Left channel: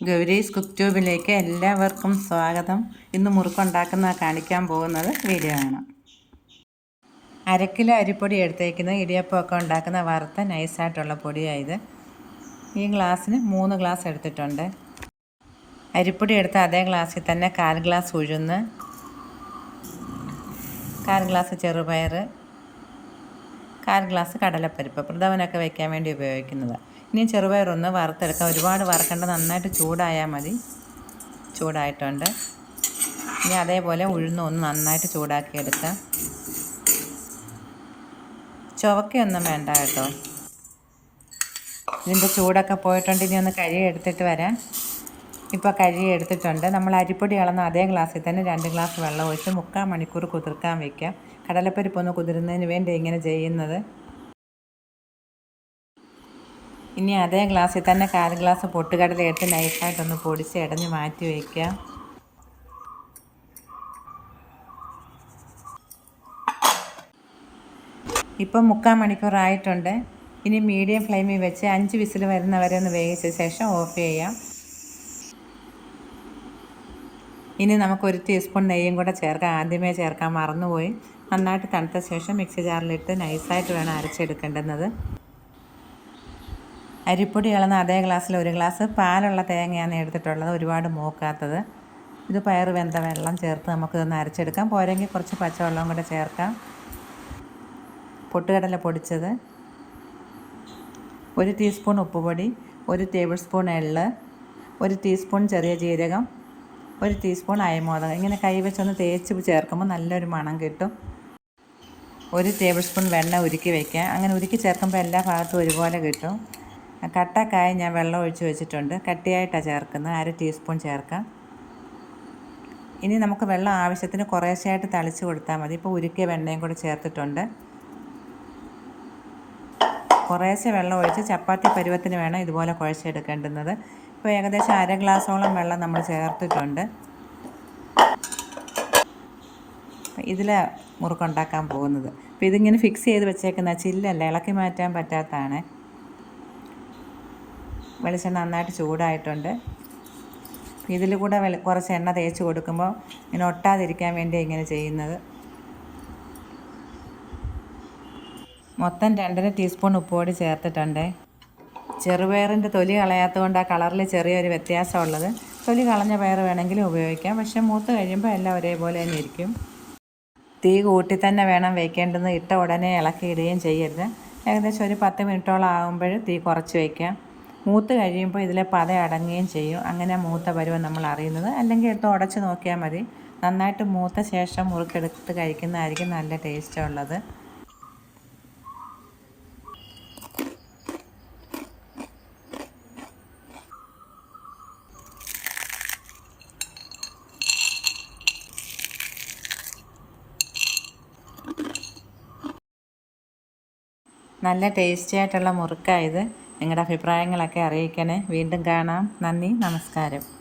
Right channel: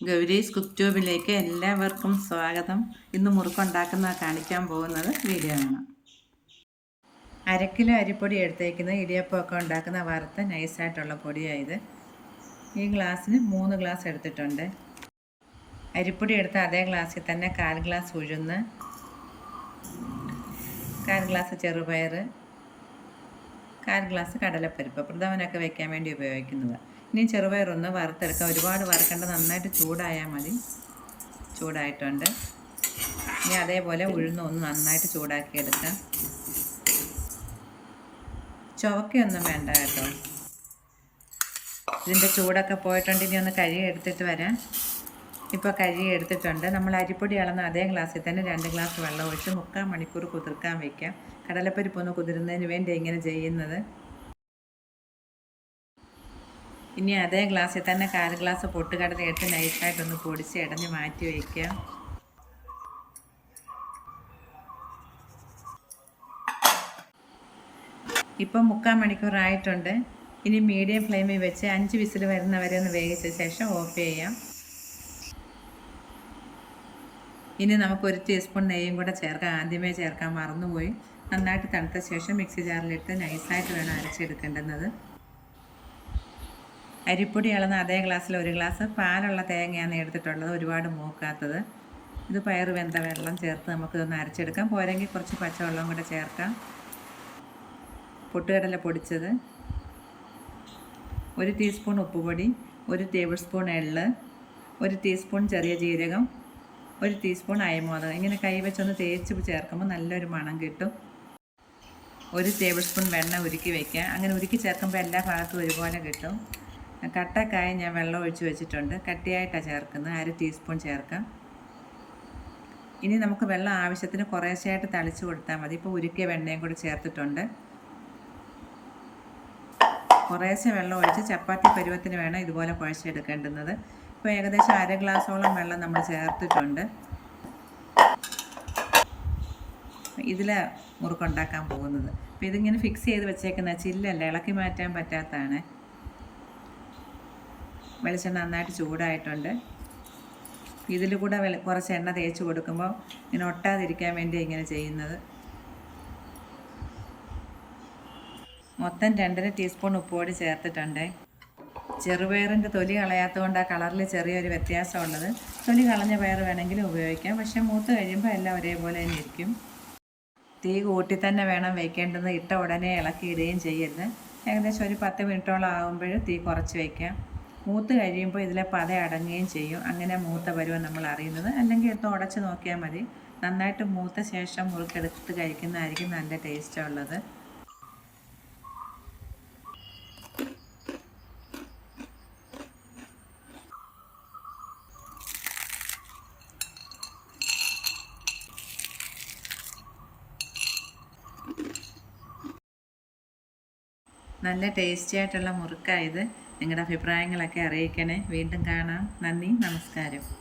Gowri's cook ട്യൂബിലേക്ക് എല്ലാവർക്കും സ്വാഗതം. ഇന്ന് മുറുക്കുണ്ടാക്കുന്ന കാണിക്കാൻ പോകുന്നത് വീഡിയോ ആണ്. അര അരിപ്പൊടി എടുത്തേക്കുന്നത് ഇടിയപ്പമൊക്കെ ഉണ്ടാക്കുന്ന വറുത്ത നൈസായിട്ടുള്ള പൊടിയായത് ഈ ഗ്ലാസ്സിന് മൂന്ന് ഗ്ലാസ് എടുത്തിട്ടുണ്ട്. അരിപ്പൊടി എടുത്ത അതേ ഗ്ലാസ്സിൽ തന്നെ കാൽ ഗ്ലാസ് ഉഴുന്ന് കാൽ ഗ്ലാസ് ചെറുപയർ കാൽ ഗ്ലാസ് കടലപ്പരിപ്പ്. പ്രഥമനൊക്കെ വയ്ക്കാൻ വേണ്ടി ഉപയോഗിക്കുന്നത്. ഇനി ചെറുപയറൊന്ന് വറുത്തെടുക്കാം. ഒരുപാട് വറുക്കേണ്ട നന്നായിട്ട് ചൂടായാൽ മതി. ചൂടായിട്ടുണ്ട്. ഇനി അതേപോലെ ഉഴുന്ന് ഒന്ന് നന്നായിട്ട് ചൂടാക്കി എടുക്കാം ചുവക്കയൊന്നും വേണ്ട കേട്ടോ. ഇതിന്റെ ചൂടൊക്കെ പോയിട്ടുണ്ട്. ഇനി ഒന്ന് കഴുകി എടുത്തിട്ട് വരാം. ഇപ്പോൾ കഴുകി എടുത്തിട്ടുണ്ട് നമ്മൾ അരിപ്പൊടി ഇളന്ന അതേ ഗ്ലാസ്സിൽ തന്നെ രണ്ട് ഗ്ലാസ് വെള്ളം ഒഴിച്ച് മുക്കാൽ മണിക്കൂർ കുതിർക്കാൻ വയ്ക്കാം കടലപ്പരിപ്പൊന്ന് കുതിരുന്നതിന് വേണ്ടി ഇങ്ങനെ ചെയ്യുന്നത്. ഇനി അതേ ഗ്ലാസ്സിൽ തന്നെ കാൽ ഗ്ലാസ് പൊട്ടുകടല ഏറ്റവും നൈസായിട്ടൊന്ന് പൊടിച്ച് ഇടഞ്ഞ് മാറ്റി വയ്ക്കുക. ഇപ്പം മുക്കാൽ മണിക്കൂറായിട്ടുണ്ട്. ഇനി മീഡിയം ഫ്ലെയിമിൽ വെച്ച് അഞ്ച് വിസിൽ വരുന്നവരെ ഒന്ന് വേവിച്ച ശേഷം ഓഫ് ചെയ്യാം. ഇനി നമുക്ക് ഒരു ടീസ്പൂൺ നെയ്യും കൂടെ ചേർക്കാം. ആദ്യമേ ചേർക്കാൻ മറന്നുപോയി. നന്നായിട്ട് തണുത്ത ശേഷം മിക്സി ജാറിലിട്ട് നൈസായിട്ട് വേണം അരച്ചെടുക്കേണ്ടുന്നത്. അരിപ്പൊടി ഇളന്ന അതേ ഗ്ലാസ്സിൽ ഒരു ഗ്ലാസ് പാലുള്ള തേങ്ങയാണ് എടുത്തിട്ടുള്ളത്. ഒരുപാട് മൂക്കാത്തത്. ഇത് പയർ വെന്ത വെള്ളം ചേർത്ത് നമുക്ക് ഇതൊന്ന് അരച്ചെടുക്കാം. പോരെങ്കിൽ കുറച്ച് പച്ചവെള്ളം കൂടെ ചേർക്കാം. പൊട്ടുകടല പൊടിച്ചത്. ഒരു ടീസ്പൂൺ ഉപ്പുപൊടി ഒരു ടേബിൾ സ്പൂൺ എള്ള് ഒരു ടീസ്പൂൺ ചെറിയ ജീരകം ഒരു ടീസ്പൂൺ അയമോദകം. ഇങ്ങനെ കൈ കൈവച്ചൊന്ന് തേച്ച് ചേർക്കുമ്പോൾ നല്ലൊരു മണം കിട്ടും. ഒരു ടേബിൾ സ്പൂൺ വെണ്ണ ഉരുക്കി വയ്ക്കുക അങ്ങനെ ഉരുക്കി ചേർക്കുമ്പോൾ എല്ലാ ഭാഗത്തും ഒരുപോലെ കിട്ടും. കട്ടക്കായ ഞാൻ വെള്ളം ഒഴിച്ച് വെച്ചിട്ടുണ്ട്. കട്ടിയായിട്ടാണ് ചേർക്കുന്നത്. അര ടീസ്പൂൺ ചേർക്കാം. ഇനി നമുക്ക് വെള്ളം ആവശ്യത്തിന് കുറേശ്ശായിട്ട് തളിച്ച് കൊടുത്താൽ മതി. ഇപ്പോൾ ഉരുക്കിയ വെണ്ണയും കൂടി ചേർത്തിട്ടുണ്ട്. കുറേശ്ശെ വെള്ളം ഒഴിച്ച് ചപ്പാത്തി പരുവത്തിന് വേണം ഇതുപോലെ കുഴച്ചെടുക്കേണ്ടുന്നത്. ഇപ്പോൾ ഏകദേശം അര ഗ്ലാസോളം വെള്ളം നമ്മൾ ചേർത്തിട്ടുണ്ട്. ഇതിൽ മുറുക്കുണ്ടാക്കാൻ പോകുന്നത്. അപ്പോൾ ഇതിങ്ങനെ ഫിക്സ് ചെയ്ത് വെച്ചേക്കുന്ന ചില്ലല്ല. ഇളക്കി മാറ്റാൻ പറ്റാത്തതാണ്. വെളിച്ചെണ്ണ നന്നായിട്ട് ചൂടായിട്ടുണ്ട്. ഇതിൽ കൂടെ കുറച്ച് എണ്ണ തേച്ച് കൊടുക്കുമ്പോൾ ഇങ്ങനെ ഒട്ടാതിരിക്കാൻ വേണ്ടി ഇങ്ങനെ ചെയ്യുന്നത്. മൊത്തം രണ്ടര ടീസ്പൂൺ ഉപ്പുപൊടി ചേർത്തിട്ടുണ്ട്. ചെറുപയറിന്റെ തൊലി കളയാത്തത് കൊണ്ട് ആ കളറിൽ ചെറിയൊരു വ്യത്യാസമുള്ളത്. തൊലി കളഞ്ഞ പയർ വേണമെങ്കിലും ഉപയോഗിക്കാം. പക്ഷേ മൂത്ത് കഴിയുമ്പോൾ എല്ലാം ഒരേപോലെ തന്നെ ഇരിക്കും. തീ കൂട്ടി തന്നെ വേണം വയ്ക്കേണ്ടത് ഇട്ട ഉടനെ ഇളക്കിയിടുകയും ചെയ്യരുത്. ഏകദേശം ഒരു പത്ത് മിനിറ്റോളം ആകുമ്പോൾ തീ കുറച്ച് വയ്ക്കാം മൂത്ത് കഴിയുമ്പോൾ ഇതിലെ പത അടങ്ങുകയും ചെയ്യും. അങ്ങനെ മൂത്ത പരുവം നമ്മൾ അറിയുന്നത്. അല്ലെങ്കിൽ എടുത്ത് ഉടച്ച് നോക്കിയാൽ മതി. നന്നായിട്ട് മൂത്ത ശേഷം മുറുക്കെടുത്ത് കഴിക്കുന്നതായിരിക്കും നല്ല ടേസ്റ്റ് ഉള്ളത്. നല്ല ടേസ്റ്റി ആയിട്ടുള്ള മുറുക്കായത് നിങ്ങളുടെ അഭിപ്രായങ്ങളൊക്കെ അറിയിക്കണേ. വീണ്ടും കാണാം. നന്ദി. നമസ്കാരം.